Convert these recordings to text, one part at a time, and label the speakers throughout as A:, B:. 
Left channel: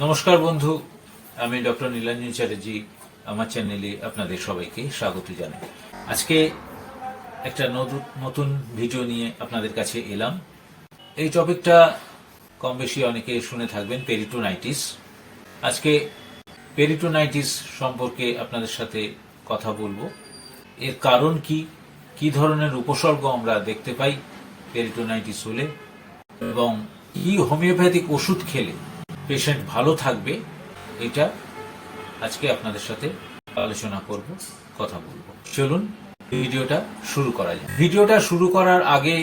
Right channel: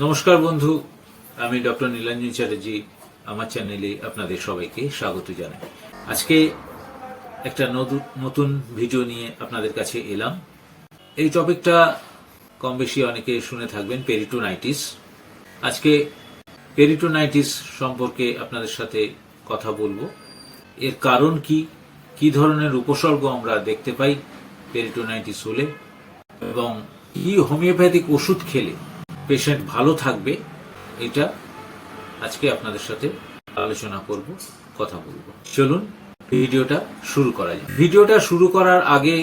A: নমস্কার বন্ধু, আমি ডক্টর নীলাঞ্জন চ্যাটার্জি, আমার চ্যানেলে আপনাদের সবাইকে স্বাগত জানাই। আজকে একটা নতু- নতুন ভিডিও নিয়ে আপনাদের কাছে এলাম। এই টপিকটা কম বেশি অনেকে শুনে থাকবেন, পেরিটোনাইটিস। আজকে পেরিটোনাইটিস সম্পর্কে আপনাদের সাথে কথা বলব। এর কারণ কি কি ধরনের উপসর্গ আমরা দেখতে পাই পেরিটোনাইটিস হলে এবং কি হোমিওপ্যাথিক ওষুধ খেলে পেশেন্ট ভালো থাকবে, এটা আজকে আপনাদের সাথে আলোচনা করব, কথা বলব। চলুন, ভিডিওটা শুরু করা যায় ভিডিওটা শুরু করার আগে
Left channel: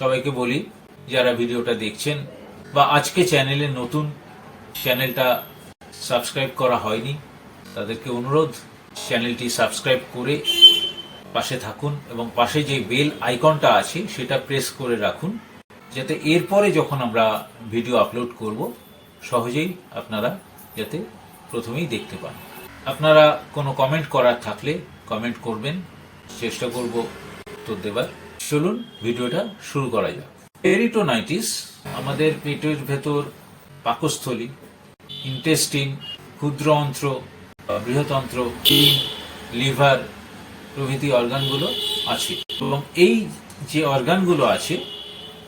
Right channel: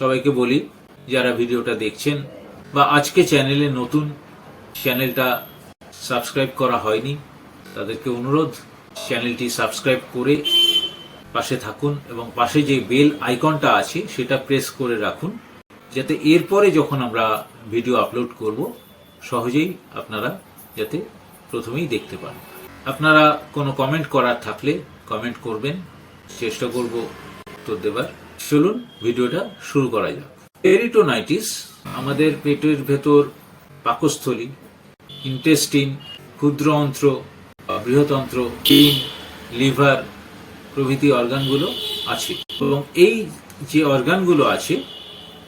A: সবাইকে বলি, যারা ভিডিওটা দেখছেন বা আজকে চ্যানেলে নতুন, চ্যানেলটা সাবস্ক্রাইব করা হয়নি, তাদেরকে অনুরোধ, চ্যানেলটি সাবস্ক্রাইব করে পাশে থাকুন এবং পাশে যে বেল আইকনটা আছে, সেটা প্রেস করে রাখুন, যাতে এরপরে যখন আমরা ভিডিও আপলোড করব সহজেই আপনারা যাতে প্রথমেই দেখতে পান। আপনারা কোনো কমেন্ট করার থাকলে কমেন্ট করবেন। চেষ্টা করব উত্তর দেবার। চলুন, ভিডিওটা শুরু করা যাক। পেরিটোনাইটিস আমাদের পেটের ভেতর পাকস্থলী ইন্টেস্টিন ক্ষুদ্র অন্ত্র বৃহতন্ত্র কিন লিভার প্রভৃতি অর্গানগুলো আছে। এবং এই যে অর্গানগুলো আছে,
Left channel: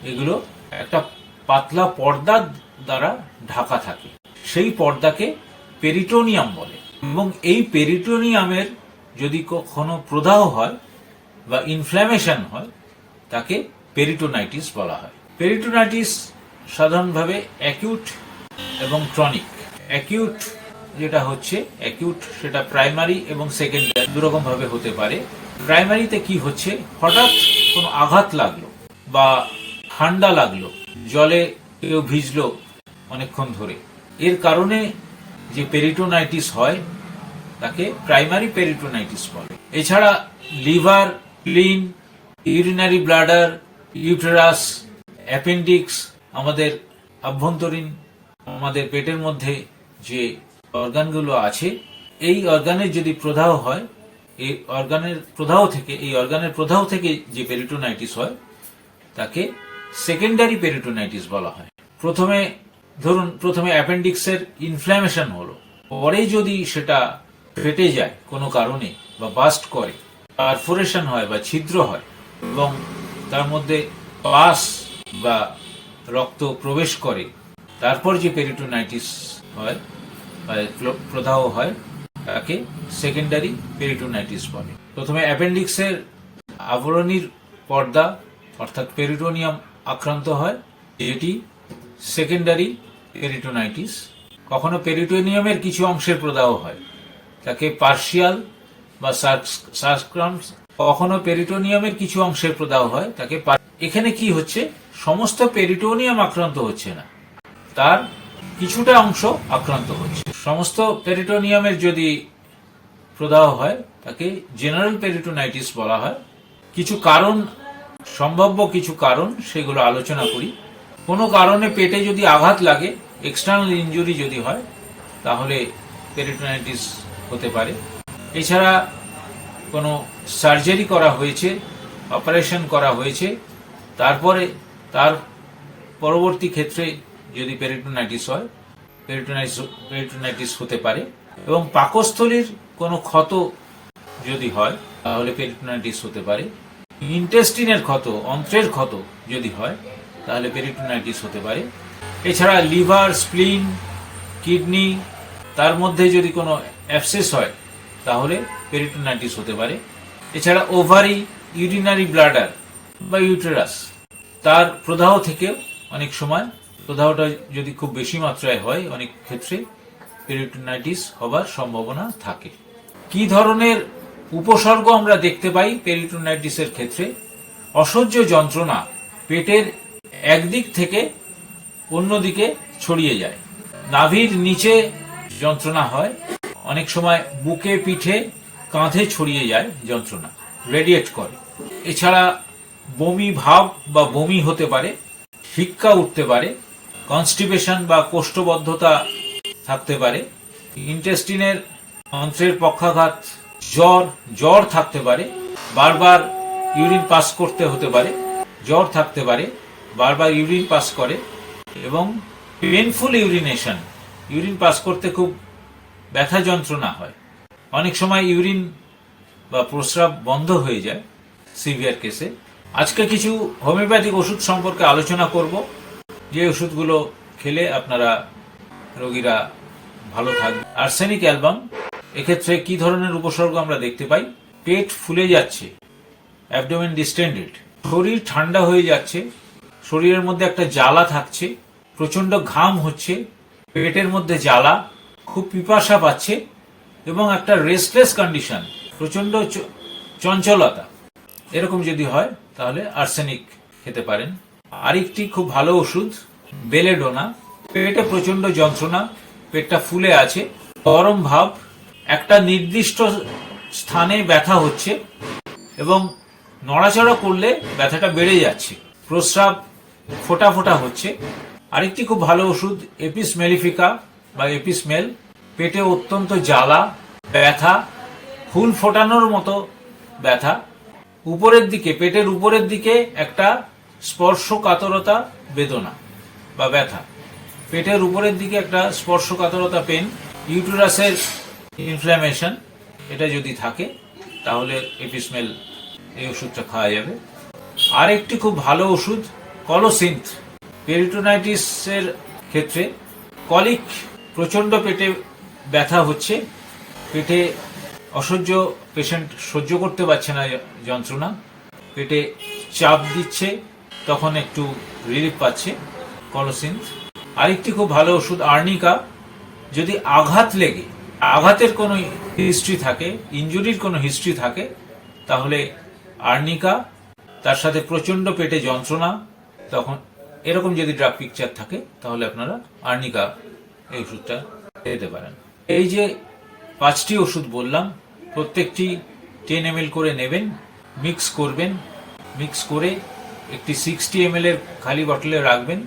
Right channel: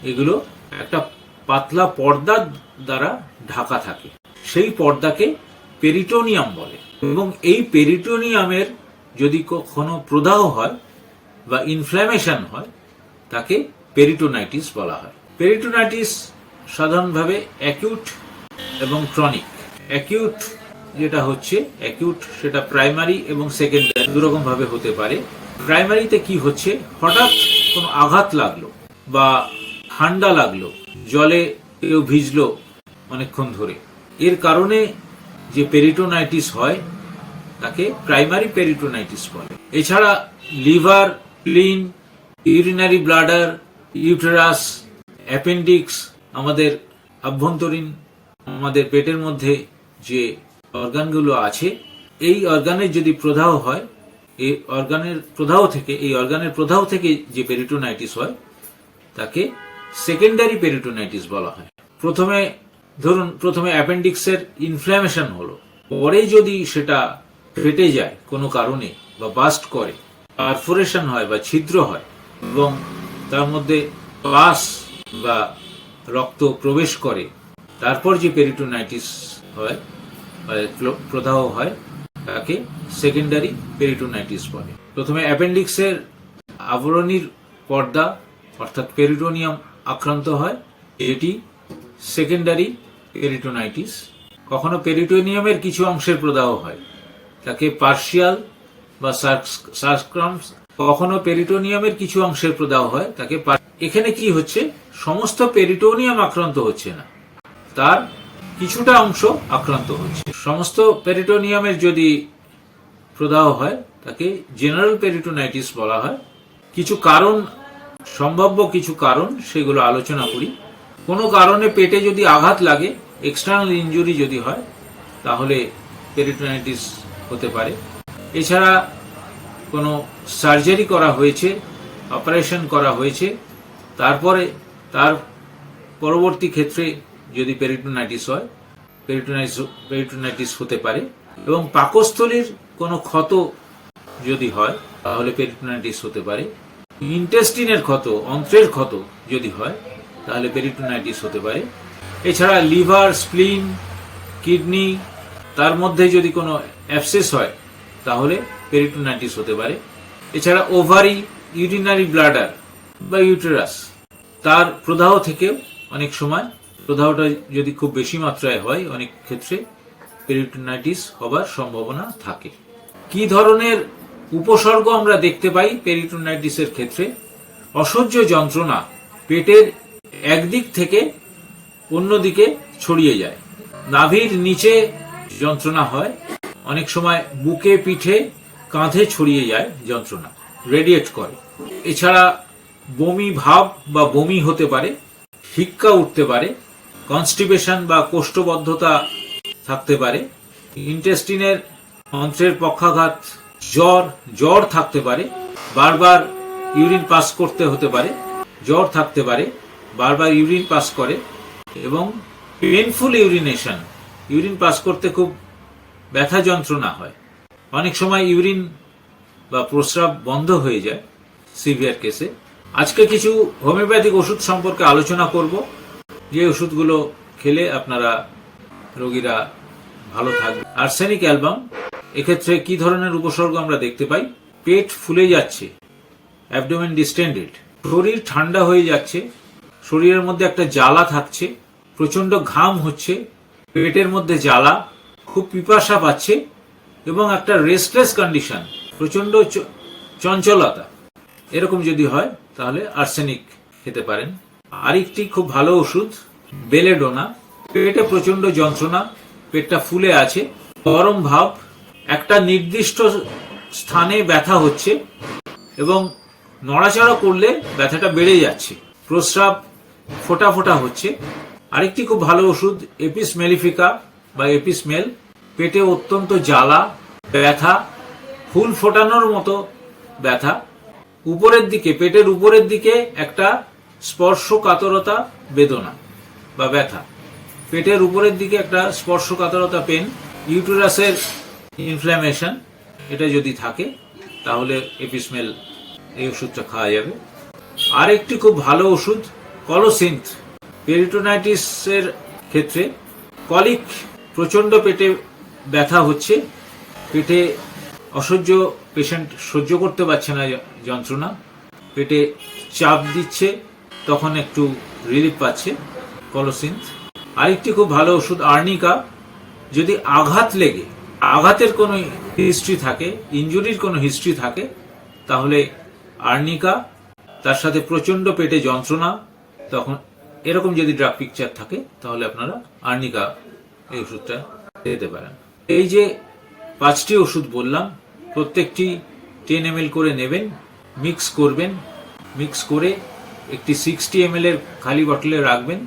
A: এগুলো একটা পাতলা পর্দার দ্বারা ঢাকা থাকে। সেই পর্দাকে পেরিটোনিয়াম বলে। এবং এই পেরিটোনিয়ামের যদি কখনো প্রদাহ হয় বা ইনফ্ল্যামেশন হয়, তাকে পেরিটোনাইটিস বলা হয়। পেরিটোনাইটিস সাধারণভাবে অ্যাকিউট এবং ক্রনিক অ্যাকিউট যেটা হচ্ছে অ্যাকিউট সেটা প্রাইমারি এবং সেকেন্ডারি দুরকম ভাবে হতে পারে। প্রাইমারিতে কি হচ্ছে? হঠাৎ কোনো আঘাত লাগল বা ঠান্ডা লাগল, জলে কেউ ভিজলো অনেকক্ষণ ধরে। এর কারণে যে পেরিটোনাইটিস হয়, তাকে প্রাইমারি পেরিটোনাইটিস বলে। এছাড়া liver clean urinary bladder, uterus, appendix, আমাদের আভ্যন্তরীণ, আমাদের পেটের মধ্যে যে অর্গানগুলো আছে, এই অর্গানের যদি প্রদাহ হয়, এই অর্গানের প্রদাহ থেকে, এই অর্গানের প্রদাহ থেকে যে পেরিটোনাইটিস হয়, তাকে সেকেন্ডারি পেরিটোনাইটিস বলা হয়। প্রথমে, ধরুন, প্রথমে অ্যাপেন্ডিক্সের ইনফ্ল্যামেশন হলো। পরে যদি সেটা ফেটে যায় কোনো কারণে বা বাস্ট করে পারফোরেশন হয় বা ছিদ্র হয় এবং তার মধ্যে পাস বা রক্ত প্রবেশ করে, তারপর যে পেরিটোনাইটিস হয় বা প্রদাহ হয়, তাকে সেকেন্ডারি পেরিটোনাইটিস বলে। প্রথমে অ্যাপেন্ডিক্সের আবরণীর পর্দা, অর্থাৎ পেরিটোনিয়াম আক্রান্ত হয় এটি সেকেন্ডারি পেরিটোনাইটিস কখনো পেরিটোনিয়ামের কিছু অংশের প্রদাহ হয়। তাকে পার্শিয়াল বা সার্সক্রামস কখনো পেরিটোনিয়ামের কিছু অংশের প্রদাহ হয়, তাকে এখানে কি হচ্ছে? সমস্ত পেরিটোনিয়াম আক্রান্ত হচ্ছে না। তার কিছুটা অংশ আক্রান্ত হচ্ছে। সমস্ত পেরিটোনিয়ামের যদি প্রদাহ হয়, তাকে জেনারেল পেরিটোনাইটিস বলা হয়। কিছু কারণ সম্ভাব্য কিছু কারণ সেগুলো আলোচনা করি। কোনো কারণে পেটে যদি আঘাত লাগে এক্সটার্নাল ইনজুরি যদি হয়, তাহলে পেরিটোনাইটিস হতে পারে। এছাড়া কোনো সার্জারি করা হয়েছে অপারেশন করা হয়েছে, তারপরে তার পরবর্তী ক্ষেত্রে যদি পেরিটোনাইটিস হয় পেরিটোনাইটিস পেরিটোনাইটিস হতে পারে। এবং পাকস্থলীর কোনো ক্ষত যদি হয়, তাহলে পেরিটোনাইটিস হতে পারে। ইন্টেস্টিনের ক্ষত, অন্ত্রের ক্ষত যদি হয়, তাহলে পেরিটোনাইটিস হতে পারে। এছাড়া লিভার, স্প্লিন, কিডনি, তার মধ্যে যদি কোনো অ্যাবসেস হয়, তাহলে পেরিটোনাইটিস হতে পারে। এছাড়া ওভারি ইউরিনারি ব্লাডার বা ইউটেরাস, তার প্রদাহ থেকেও অনেক সময় প্রদাহটা যদি খুব বেশি মাত্রায় হয়, অনেক ক্ষেত্রে পেরিটোনাইটিস হবার সম্ভাবনা থাকে। কি ধরনের উপসর্গ আমরা দেখতে পাই পেরিটোনাইটিসের ক্ষেত্রে। অসহ্য যন্ত্রণা পেটের একদিক থেকে অন্যদিকে ছড়িয়ে যায়। নাভির নিচে যন্ত্রণা হয়। অনেক সময় বুকে, পিঠে, কাঁধে ছড়িয়ে যায় যন্ত্রণা, রেডিয়েট করে। এছাড়া বমি ভাব বা বমি হতে পারে, হিক্কা উঠতে পারে, কনস্টিপেশন বা কোষ্ঠবদ্ধতা থাকতে পারে। ইন্টেস্টিনের অন্ত্রের পক্ষাঘাত জ্বর জ্বর থাকতে পারে, বারবার ইউরিন পাস করতে হতে পারে, জ্বর থাকতে পারে, বারবার ইউরিন পাস করে, এবং পেনফুল ইউরিনেশন ইউরিন পাস করতে খুব ব্যথা যন্ত্রণা হয়। অনেক সময় ইউরিন বা প্রস্রাব বন্ধ হয়ে যায় সিভিয়ার কেসে। আজকে কিছু হোমিওপ্যাথিক ওষুধ সম্পর্কে আলোচনা করব। যে ওষুধগুলো খেলে আপনারা রোগীরা ভালো থাকবে। আর্সেনিক অ্যালবাম এক্ষেত্রে কি ধরনের উপসর্গ আমরা দেখতে পাই? পেট ফুলে যাচ্ছে অ্যাবডোমেন ডিস্টেন্ডেড শরীর ঠান্ডা হয়ে যাচ্ছে, শরীরের মধ্যে একটা জ্বালা থাকছে প্রচণ্ড ঘাম হচ্ছে, পেটের মধ্যে জ্বালা, খুব পিপাসা পাচ্ছে এবং একটা রেস্টলেস কন্ডিশন প্রচণ্ড চঞ্চলতা। এরকম যদি হয়, তাহলে আর্সেনিক খেতে পারেন। আরেকটি খুব ভালো ওষুধ বেলেডোনা পেটে প্রচণ্ড যন্ত্রণা, পেটটা ফুলে আছে, গরম ভাব একটা নির্দিষ্ট স্থানে ব্যথা হচ্ছে এবং নড়াচড়া করলে ব্যথাটা বেড়ে যাচ্ছে, প্রস্রাব ফোটা ফোটা হচ্ছে। আরেকটি খুব ভালো ওষুধ এপিস মেলিফিকা বা এপিসমেল পেটে অত্যন্ত জ্বালা, ব্যথা ফুল ফোটানোর মতো ব্যথা। উপরের দিকে, পেটের উপরের দিকে একটা স্পর্শকাতরতা বেদনা বা ব্যথা। পেটের উপরের দিকে একটা স্পর্শকাতরতা পেন, ইউটেরাসের ইনফ্ল্যামেশন এটা যদি থাকে, তাহলে এপিসমেল এই ওষুধটা খাওয়া যাবে। আর একটি খুব ভালো ওষুধ কলোসিন্থ পেরিটোনাইটিসের ক্ষেত্রে কলিক প্রচণ্ড পেটে ব্যথা হচ্ছে, পেটে অসহ্য পেশেন্ট সহ্য করতে পারছে না যন্ত্রণা, পেটে চাপ দিচ্ছে, তখন একটু রিলিফ পাচ্ছে কলোসিন্থ আরেকটি খুব ভালো ওষুধ আর্নিকা যদি আঘাত লেগে আঘাতের কোনো হিস্ট্রি থাকে ইনজুরির কোনো হিস্ট্রি থাকে, তাহলে আর্নিকা, তার সাথে প্রচণ্ড পেটে যন্ত্রণা, তখন এরকম যদি ড্রাগ পিকচার থাকে, তাহলে আপনারা আর্নিকা এই ওষুধটা খেতে পারেন। এই যে পাঁচটি ওষুধ বললাম, প্রত্যেকটি টেন এম করে নেবেন মিক্স করবেন মিক্স করে একটি সিক্সটি এম এর খালি বটলে রাখবেন।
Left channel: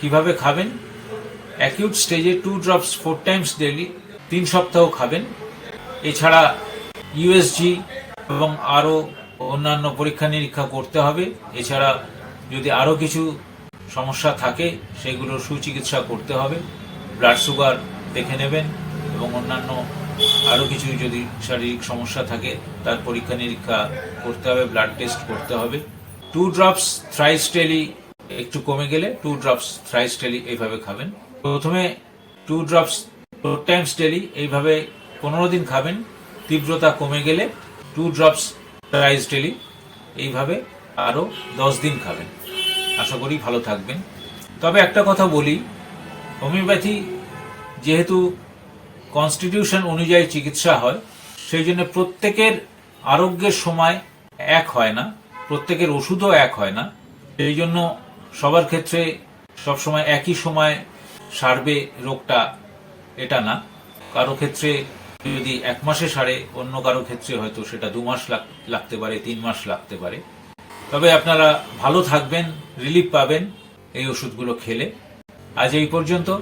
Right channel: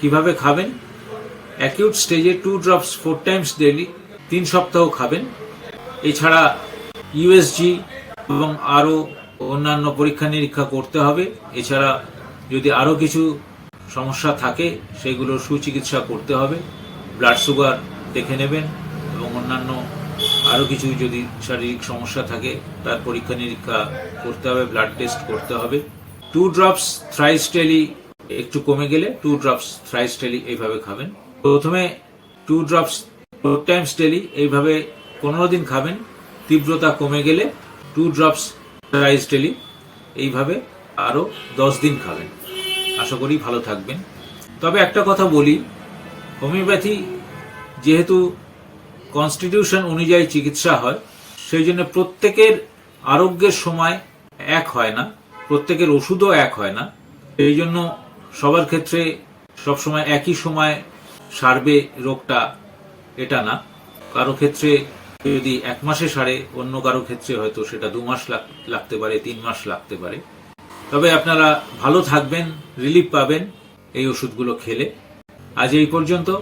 A: কীভাবে খাবেন? অ্যাকিউট স্টেজে two drops four times daily তিন সপ্তাহ খাবেন। এছাড়া ইউএসজি এবং আরও অন্যান্য পরীক্ষা নিরীক্ষা করতে হবে। এছাড়া যদি আরও কিছু সমস্যা থাকে সেগুলোর সুচিকিৎসা করতে হবে। ব্লাড সুগার দেখে নেবেন এবং অন্যান্য আরও কিছু যদি শারীরিক সমস্যা থাকে, তার পরীক্ষা নিরীক্ষা করতে হবে, ব্লাড টেস্ট করতে হবে। টু ড্রপস থ্রাইস ডেলি একটু কমে গেলে টু ড্রপস থ্রাইস ডেলি এইভাবে খাবেন। প্রথমে two drops two times daily এইভাবে পনেরো দিন খাবেন, তীব্রতা কমে গেলে টু ড্রপস রাইস ডেলি এইভাবে আরও দশ দিন খাবেন। আশা করি ভালো থাকবেন। তবে একটা কথা বলি, হোমিওপ্যাথি যেহেতু কনস্টিটিউশন অনুযায়ী চিকিৎসা হয়, সেই জন্য প্রত্যেকের আরোগ্যের সময় এক হয় না, প্রত্যেকের ওষুধও এক হয় না। এই জন্য সবার ক্ষেত্রে সবসময় একই সময় সারবে রোগটা এটা না। কারও ক্ষেত্রে যদি এক মাসে সারে, অন্য কারও ক্ষেত্রে হয়তো সেটা দু মাস লাগ- লাগতে পারে, তিন মাস লাগতে পারে। তবে আপনারা ভালো থাকবেন রিলিফ পাবেন এই ওষুধগুলো খেলে। আজ এই পর্যন্ত।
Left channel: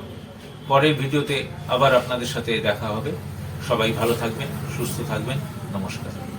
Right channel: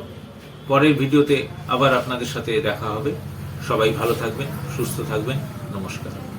A: পরের ভিডিওতে আবার আপনাদের সাথে দেখা হবে। সবাই ভালো থাকবেন, সুস্থ থাকবেন। নমস্কার।